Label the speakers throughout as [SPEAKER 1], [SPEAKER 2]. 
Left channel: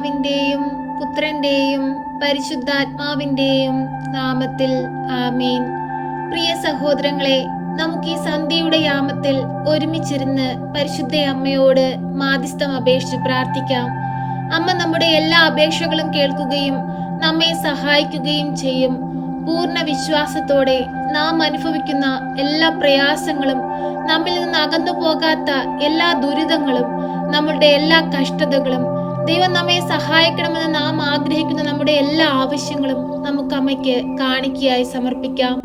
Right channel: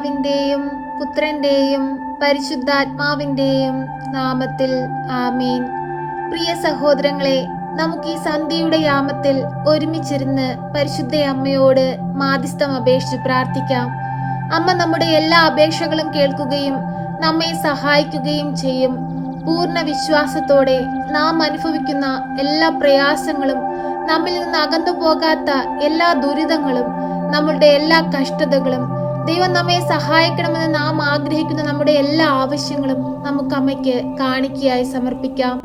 [SPEAKER 1] പിതാവിന്റെയും പുത്രന്റെയും പരിശുദ്ധാത്മാവിന്റെയും നാമത്തിൽ ആമീൻ. പ്രിയ സഹോദരങ്ങളെ നമുക്ക് ഈ സന്ധ്യയുടെ യാമത്തിൽ ഒരുമിച്ചിരുന്ന് പരിശുദ്ധ അമ്മയോട് മാധ്യസ്ഥം അപേക്ഷിച്ച് പ്രാർത്ഥിക്കാം. അമ്മ നമ്മുടെ എല്ലാ അപേക്ഷകളും കേൾക്കുകയും നമ്മെ സഹായിക്കുകയും ചെയ്യും. പൂർണ വിശ്വാസത്തോടെ നാം അനുഭവിക്കുന്ന എല്ലാ പ്രയാസങ്ങളും നമ്മിൽ നിന്ന് അകന്നു പോകാത്ത എല്ലാ ദുരിതങ്ങളും നമ്മളുടെ എല്ലാ കഷ്ടതകളും ദൈവം നമ്മെ സഹായിക്കണമെന്ന് നാം ആഗ്രഹിക്കുന്ന നമ്മുടെ എല്ലാ ആവശ്യങ്ങളും നമുക്ക് അമ്മയ്ക്ക് കാണിക്കയായി സമർപ്പിക്കാം.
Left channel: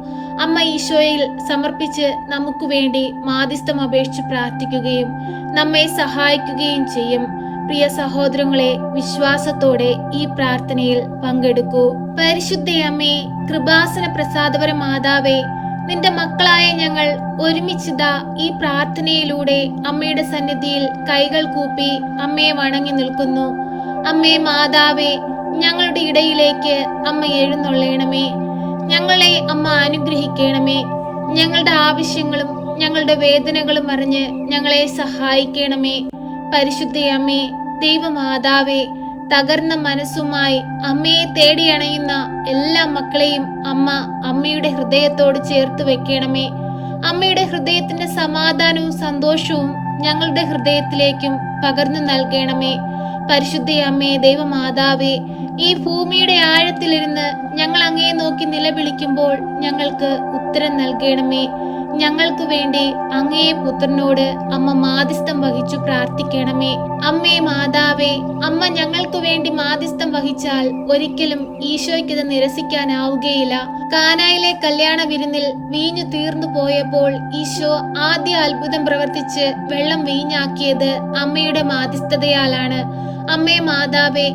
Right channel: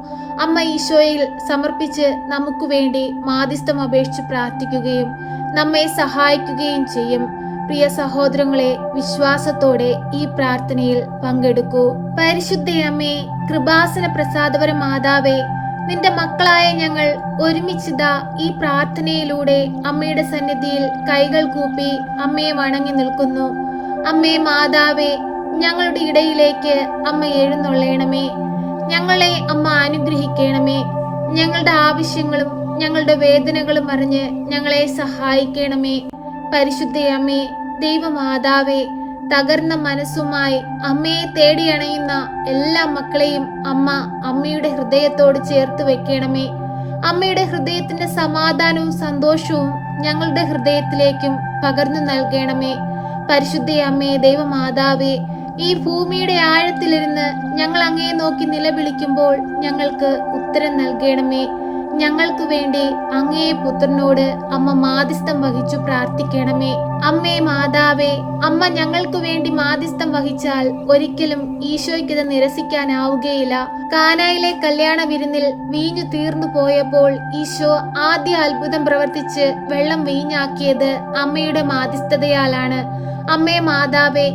[SPEAKER 1] അമ്മ ഈശോയിൽ സമർപ്പിച്ച് നമുക്ക് വേണ്ടി മാധ്യസ്ഥം അപേക്ഷിച്ച് പ്രാർത്ഥിക്കുകയും നമ്മെ സഹായിക്കുകയും ചെയ്യും. പ്രിയ സഹോദരങ്ങളെ വിശ്വാസത്തോടെ ഈ പ്രാർത്ഥനയിൽ പങ്കെടുക്കൂ. പരിശുദ്ധയമ്മേ കൃപാസന പ്രസാദപര മാതാവേ നിന്റെ മക്കളായ ഞങ്ങൾ ഒരുമിച്ചിതാ ഈ പ്രാർത്ഥനയിലൂടെ അമ്മയുടെ സന്നിധിയിൽ കൈകൾ കൂപ്പി അമ്മയെ വണങ്ങി നിൽക്കുന്നു. അമ്മേ മാതാവേ ഞങ്ങളുടെ ഇടയിലേക്ക് അമ്മ എഴുന്നള്ളയണമേ ഞങ്ങളെ അമ്മ അനുഗ്രഹിക്കണമേ. ഞങ്ങളുടെ ആവശ്യങ്ങളും ഞങ്ങളുടെ വേദനകളും അറിഞ്ഞ് ഞങ്ങളെ സഹായിക്കണമേ. പരിശുദ്ധ അമ്മേ ദൈവമാതാവേ തകർന്ന മനസ്സുമായി അമ്മയെ തേടിയണയുന്ന എല്ലാ മക്കളെയും അമ്മ അമ്മയുടെ ഹൃദയത്തോട് ചേർത്ത് വെക്കണമേ. അമ്മയുടെ ഹൃദയത്തിന്റെ സമാധാനവും സന്തോഷവും ഞങ്ങളുടെ ഹൃദയത്തിലേക്കും പകർന്നു നൽകണമേ. പരിശുദ്ധ അമ്മേ ദൈവമാതാവേ ഈ ഭൂമിയുടെ ആഴത്തിലിരുന്ന് ഞങ്ങൾ അങ്ങയെ നോക്കി നിലവിളിക്കുമ്പോൾ ഞങ്ങൾക്ക് ഉത്തരം നൽകണമേ. ഞങ്ങൾക്ക് വേണ്ടി അങ്ങയെ പുത്രനോട് അമ്മ മാധ്യസ്ഥം വഹിച്ചു പ്രാർത്ഥിക്കണമേ. അമ്മേ മാതാവേ അമ്മ ഞങ്ങൾക്ക് വേണ്ടി മാധ്യസ്ഥം വഹിച്ചാൽ ഒരിക്കലും ഈശോയ്ക്കത് നിരസിക്കാനാവുകയില്ല. കാനായിലെ കല്യാണ വിരുന്നിൽ വീഞ്ഞു തീർന്നു പോയപ്പോൾ ഈശോ ആദ്യ അത്ഭുതം പ്രവർത്തിച്ച് വെള്ളം വീഞ്ഞാക്കിയത് അമ്മയുടെ മാധ്യസ്ഥതയാലാണ്. അമ്മേ മാതാവേ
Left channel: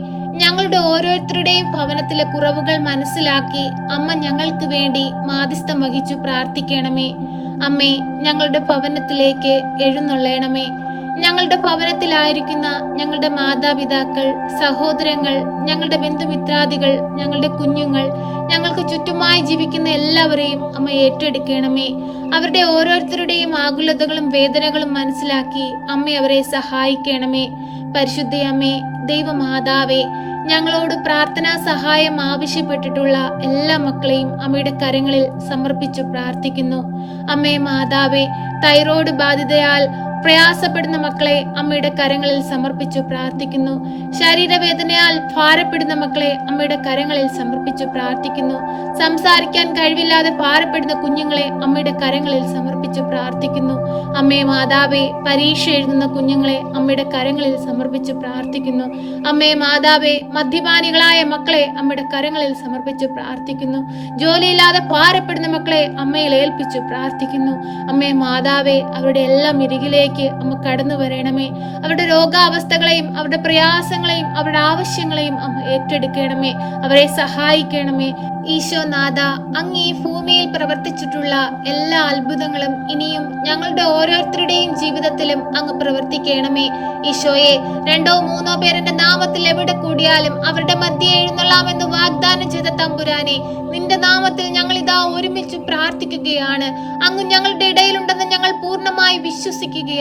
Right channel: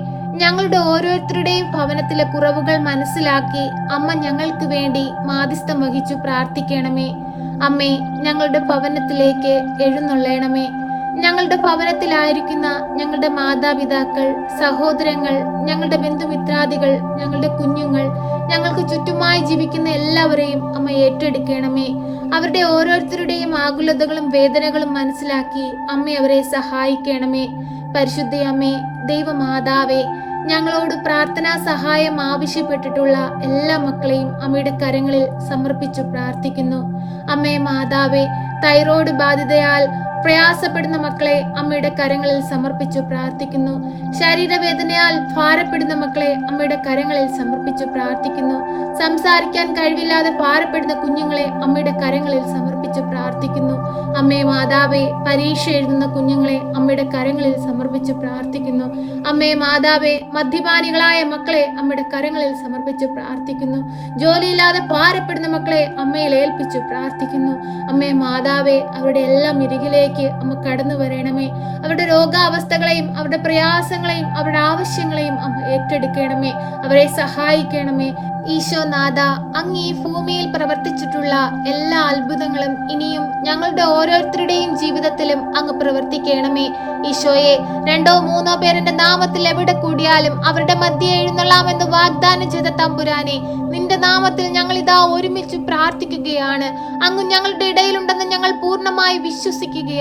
[SPEAKER 1] ഞങ്ങളുടെ ഓരോരുത്തരുടെയും ഭവനത്തിലെ കുറവുകൾ മനസ്സിലാക്കി അമ്മ ഞങ്ങൾക്ക് വേണ്ടി മാധ്യസ്ഥം വഹിച്ചു പ്രാർത്ഥിക്കണമേ. അമ്മേ ഞങ്ങളുടെ ഭവനത്തിലേക്ക് എഴുന്നള്ളയണമേ. ഞങ്ങളുടെ ഭവനത്തിലായിരിക്കുന്ന ഞങ്ങളുടെ മാതാപിതാക്കൾ സഹോദരങ്ങൾ ഞങ്ങളുടെ ബന്ധുമിത്രാദികൾ ഞങ്ങളുടെ കുഞ്ഞുങ്ങൾ ഞങ്ങൾക്ക് ചുറ്റുമായി ജീവിക്കുന്ന എല്ലാവരെയും അമ്മ ഏറ്റെടുക്കണമേ. അവരുടെ ഓരോരുത്തരുടെയും ആകുലതകളും വേദനകളും മനസ്സിലാക്കി അമ്മ അവരെ സഹായിക്കണമേ. പരിശുദ്ധയമ്മേ ദൈവമാതാവേ ഞങ്ങളോട് പ്രാർത്ഥനാ സഹായം ആവശ്യപ്പെട്ടിട്ടുള്ള എല്ലാ മക്കളെയും അമ്മയുടെ കരങ്ങളിൽ സമർപ്പിച്ചു പ്രാർത്ഥിക്കുന്നു. അമ്മേ മാതാവേ തൈറോയ്ഡ് ബാധിതയാൽ പ്രയാസപ്പെടുന്ന മക്കളെ അമ്മയുടെ കരങ്ങളിൽ സമർപ്പിച്ചു പ്രാർത്ഥിക്കുന്നു. ശരീരവേദനയാൽ ഭാരപ്പെടുന്ന മക്കളെ അമ്മയുടെ കരങ്ങളിൽ സമർപ്പിച്ചു പ്രാർത്ഥിക്കുന്നു. സംസാരിക്കാൻ കഴിവില്ലാതെ ഭാരപ്പെടുന്ന കുഞ്ഞുങ്ങളെ അമ്മയുടെ കരങ്ങളിൽ സമർപ്പിച്ചു പ്രാർത്ഥിക്കുന്നു. അമ്മേ മാതാവേ പരീക്ഷ എഴുതുന്ന കുഞ്ഞുങ്ങളെ അമ്മയുടെ കരങ്ങളിൽ സമർപ്പിച്ചു പ്രാർത്ഥിക്കുന്നു. അമ്മേ മാതാവേ മദ്യപാനികളായ മക്കളെ അമ്മയുടെ കരങ്ങളിൽ സമർപ്പിച്ചു പ്രാർത്ഥിക്കുന്നു. ജോലിയില്ലാതെ ഭാരപ്പെടുന്ന മക്കളെ അമ്മയിൽ ഏൽപ്പിച്ചു പ്രാർത്ഥിക്കുന്നു. അമ്മേ മാതാവേ അവരുടെ എല്ലാം ഇരികിലേക്ക് അമ്മ കടന്നു വരണമേ. അവരുടെ രോഗാവസ്ഥകളെയും അവരുടെ പ്രയാസങ്ങളെയും അവരുടെ ആവശ്യങ്ങളെയും അമ്മ ഏറ്റെടുക്കണമേ. അവരെ സഹായിക്കണമേ. ഈശോനാഥ അങ്ങ് ഈ ഭൂമിയിൽ പ്രവർത്തിച്ചിട്ടുള്ള എല്ലാ അത്ഭുതങ്ങളും ഇനിയും ഞങ്ങളുടെ ഓരോരുത്തരുടെയും ജീവിതത്തിലും അങ്ങ് പ്രവർത്തിക്കണമേ. ഈശോയെ രണ്ടോ മൂന്നോ പേരുടെ നാമത്തിൽ എവിടെ കൂടിയാലും അവരുടെ മധ്യ എഴുന്നള്ളാമെന്ന് വാഗ്ദാനം ചെയ്ത തമ്പുരാനെ നിന്റെ നാമത്തിൽ ഞങ്ങൾ ഇതാ ഒരുമിച്ച് പ്രാർത്ഥിക്കുകയാണ്. അങ്ങ് ഞങ്ങളുടെ ഇടയിലുണ്ടെന്ന് ഞങ്ങൾ പൂർണമായി വിശ്വസിക്കുകയാണ്.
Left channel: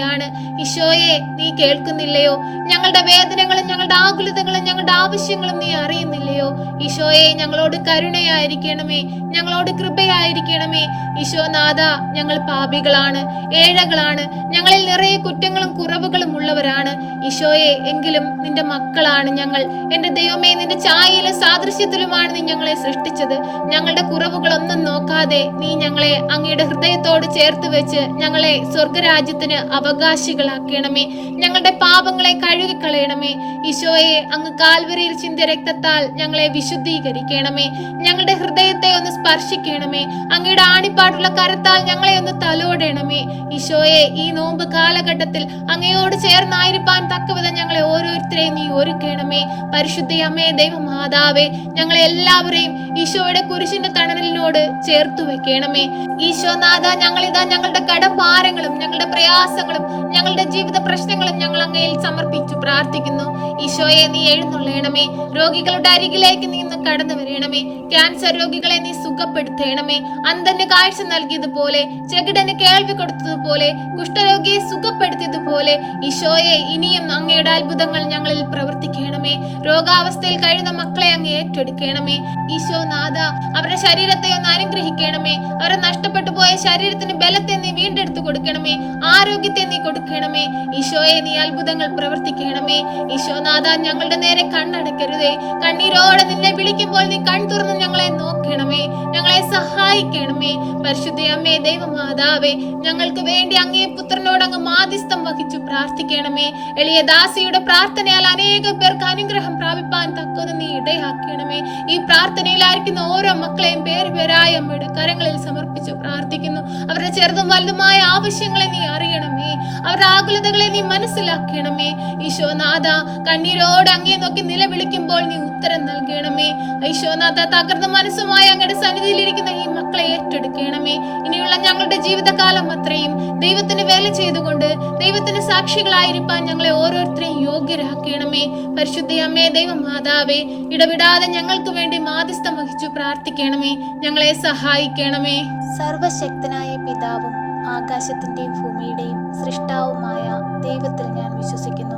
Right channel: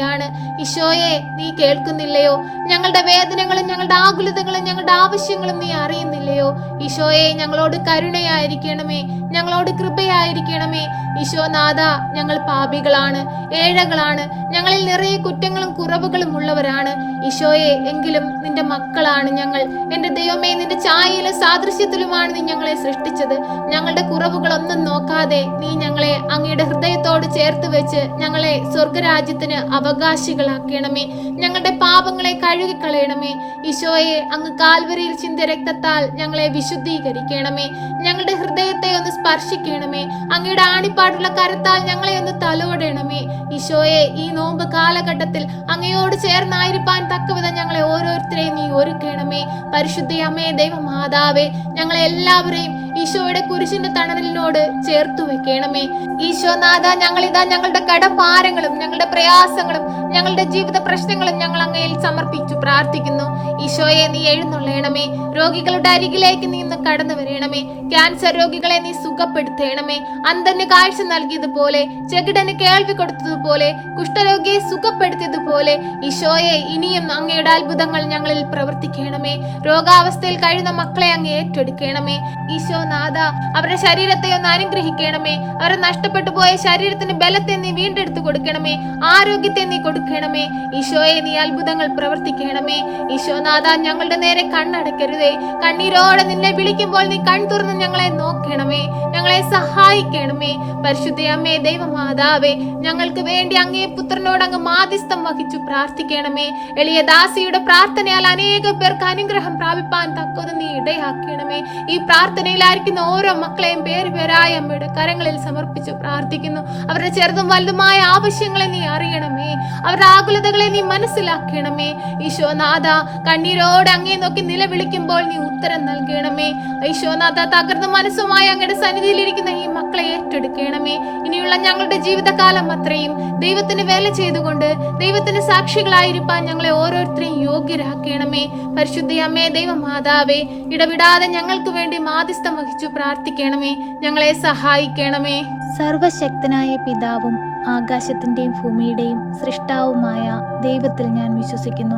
[SPEAKER 1] ഈശോയെ നീ കേൾക്കുന്നില്ലയോ? ഞങ്ങളുടെ വേദനകളും ഞങ്ങളുടെ ആകുലതകളും ഞങ്ങളുടെ ആവശ്യങ്ങളും നീ അറിയുന്നില്ലയോ? ഈശോയെ ഞങ്ങളോട് കരുണയായിരിക്കണമേ ഞങ്ങളോട് കൃപയായിരിക്കണമേ. ഈശോനാഥ ഞങ്ങൾ പാപികളാണ് ഏഴകളാണ് ഞങ്ങളിൽ നിറയെ കുറ്റങ്ങളും കുറവുകളും ഉള്ളവരാണ്. ഈശോയെ എങ്കിലും നിന്റെ മക്കളാണ് ഞങ്ങൾ. എന്റെ ദൈവമേ നിന്റെ ഛായയിലും സാദൃശ്യത്തിലുമാണ് നീ ഞങ്ങളെ സൃഷ്ടിച്ചത്. ഞങ്ങളുടെ കുറവുകളൊന്നും നോക്കാതെ നീ ഞങ്ങളെ അങ്ങയുടെ ഹൃദയത്തോട് ചേർത്ത് വെച്ച് ഞങ്ങളെ സ്വർഗരാജ്യത്തിന് അവകാശികളാക്കണമേ. ഞങ്ങളുടെ പാപങ്ങളെ കഴുകിക്കളയണമേ. ഈശോയെ അങ്ങ് കാൽവരിയിൽ ചിന്തിയ രക്തത്താൽ ഞങ്ങളെ വിശുദ്ധീകരിക്കണമേ. ഞങ്ങളുടെ ഹൃദയത്തെ ഒന്ന് സ്പർശിക്കണമേ. അങ്ങയുടെ ആണിപ്പാടുള്ള കരത്താൽ ഞങ്ങളെ ഒന്ന് തലോടണമേ. ഈശോയെ ഈ നോമ്പ് കാലഘട്ടത്തിൽ അങ്ങയോട് ചേർന്നായിരിക്കാൻ തക്കവിധം ഞങ്ങളെ ഓരോരുത്തരെയും നീ ഒരുക്കണമേ. പരിശുദ്ധ ദൈവം ദൈവമാതാവേ ഞങ്ങളെ എല്ലാവരെയും ഈശോയുടെ കുരിശിന്റെ തണലിനോട് ചേർത്തു വെക്കണമേ. ഈശോനാഥ ഞങ്ങളിതാ ഞങ്ങളുടെ കടഭാരങ്ങളും ഞങ്ങളുടെ പ്രയാസങ്ങളും ഞങ്ങളുടെ ജീവിത പ്രശ്നങ്ങളും ഞങ്ങൾ അങ്ങയിൽ സമർപ്പിച്ചു പ്രാർത്ഥിക്കുന്നു. ഈശോയെ നീ എഴുന്നള്ളണമേ. രോഗികളുടെ അരികിലേക്ക് നീ ഇന്ന് കടന്നു വരണമേ. ക്യാൻസർ രോഗികളെ നീ സുഖപ്പെടുത്തേണമേ. അന്ധന് കാഴ്ച നൽകിയതുപോലെ ചെകിടന് കേൾവി കൊടുത്തതുപോലെ കുഷ്ഠരോഗിയെ സുഖപ്പെടുത്തിയതുപോലെ ഈശോയെ ഇനിയും അങ്ങയുടെ അത്ഭുതങ്ങൾ ഞങ്ങളിൽ പ്രവർത്തിക്കണമേ. രോഗാവസ്ഥയിൽ കഴിയുന്ന മക്കളെ അങ്ങ് ഏറ്റെടുക്കണമേ. ഈശോ നാഥ അവരുടെ ശരീരത്തെ ഒന്ന് അനുഗ്രഹിക്കണമേ. അവരെ നഷ്ടപ്പെട്ടു പോയ ശരീരത്തിന് ബലത്തെ നീ വീണ്ടെടുത്തു കൊടുക്കണമേ. ആരോഗ്യത്തെ നീ കൊടുക്കണമേ. ഈശോയെ നീ അത്ഭുതങ്ങൾ പ്രവർത്തിക്കണമേ. ഈശോനാഥ ഞങ്ങളുടെ നേരെ കണ്ണടക്കരുതേ. കണ്ണീരോടെ നിന്നെ വിളിക്കുമ്പോൾ നീ കൺ തുറന്ന് ഞങ്ങളെ നോക്കണമേ. ഞങ്ങളെ സഹായിക്കണമേ. പരിശുദ്ധ അമ്മേ ദൈവമാതാവേ ഞങ്ങൾക്ക് വേണ്ടി അങ്ങേ പുത്രനോട് അങ്ങ് മാധ്യസ്ഥം വഹിച്ചു പ്രാർത്ഥിക്കണമേ. എളിയ ദാസിയുടെ പ്രാർത്ഥനയാൽ അനേക പേർക്ക് അനുഗ്രഹം പ്രാപിപ്പാൻ തക്കത് നീ ഇടയാക്കണമേ. ഈ പ്രാർത്ഥനയിലായിരിക്കുന്ന ഓരോ മക്കളെയും പേര് പേരായ അമ്മയുടെ കരങ്ങളിൽ സമർപ്പിച്ച് പ്രാർത്ഥിക്കുന്നു. അവരുടെ ചെറുതും വലുതുമായ ആവശ്യങ്ങളെ നീ അറിയണമേ. അവരുടെ ആകുലതകളെ നീ മനസ്സിലാക്കണമേ. ഈശോനാഥ കണ്ണീരോട് അങ്ങേ നോക്കി നിലവിളിക്കുമ്പോൾ നീ ഉത്തരം നൽകണമേ. ഈശോനാഥ തകർന്ന മനസ്സുമായി അങ്ങയുടെ സന്നിധിയിലിരിക്കുന്ന ഈ മക്കളെ ഏറ്റെടുക്കണമേ. ഇനിയുള്ള ഞങ്ങളുടെ ജീവിതകാലം അത്രയും ദൈവത്തിന് വേല ചെയ്തുകൊണ്ട് ദൈവത്തിന് സാക്ഷികളായിരിക്കാൻ ഞങ്ങളെ ഓരോരുത്തരെയും യോഗ്യരാക്കണമേ. പരിശുദ്ധയമ്മേ ദൈവമാതാവേ ഇടവിടാതെ ഞങ്ങൾക്ക് വേണ്ടി മാധ്യസ്ഥം വഹിച്ചു പ്രാർത്ഥിക്കണമേ. ഞങ്ങളെ സഹായിക്കണമേ.
[SPEAKER 2] സർവശക്തനായ പിതാവും ആകാശത്തിന്റെയും ഭൂമിയുടെയും സൃഷ്ടാവുമായ ദൈവത്തിൽ ഞാൻ വിശ്വസിക്കുന്നു.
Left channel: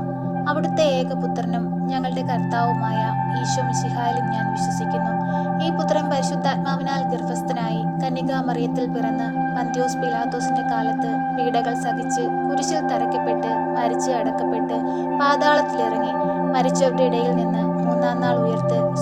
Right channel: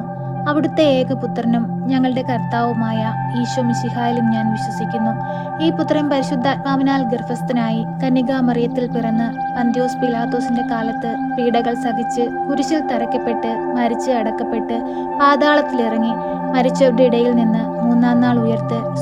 [SPEAKER 2] അവിടുത്തെ ഏകപുത്രനും ഞങ്ങളുടെ കർത്താവുമായ ഈശോ മിശിഹായിലും ഞാൻ വിശ്വസിക്കുന്നു. ഈ പുത്രൻ പരിശുദ്ധാത്മാവിനാൽ ഗർഭസ്ഥനായി കന്യകാമറിയത്തിൽ പിറന്ന് പന്ത്യോസ് പിലാത്തോസിന്റെ കാലത്ത് പീഡകൾ സഹിച്ച് കുരിശിൽ തറയ്ക്കപ്പെട്ട് മരിച്ച് അടക്കപ്പെട്ട് പാതാളത്തിലിറങ്ങി മരിച്ചവരുടെ ഇടയിൽ നിന്ന് മൂന്നാം നാൾ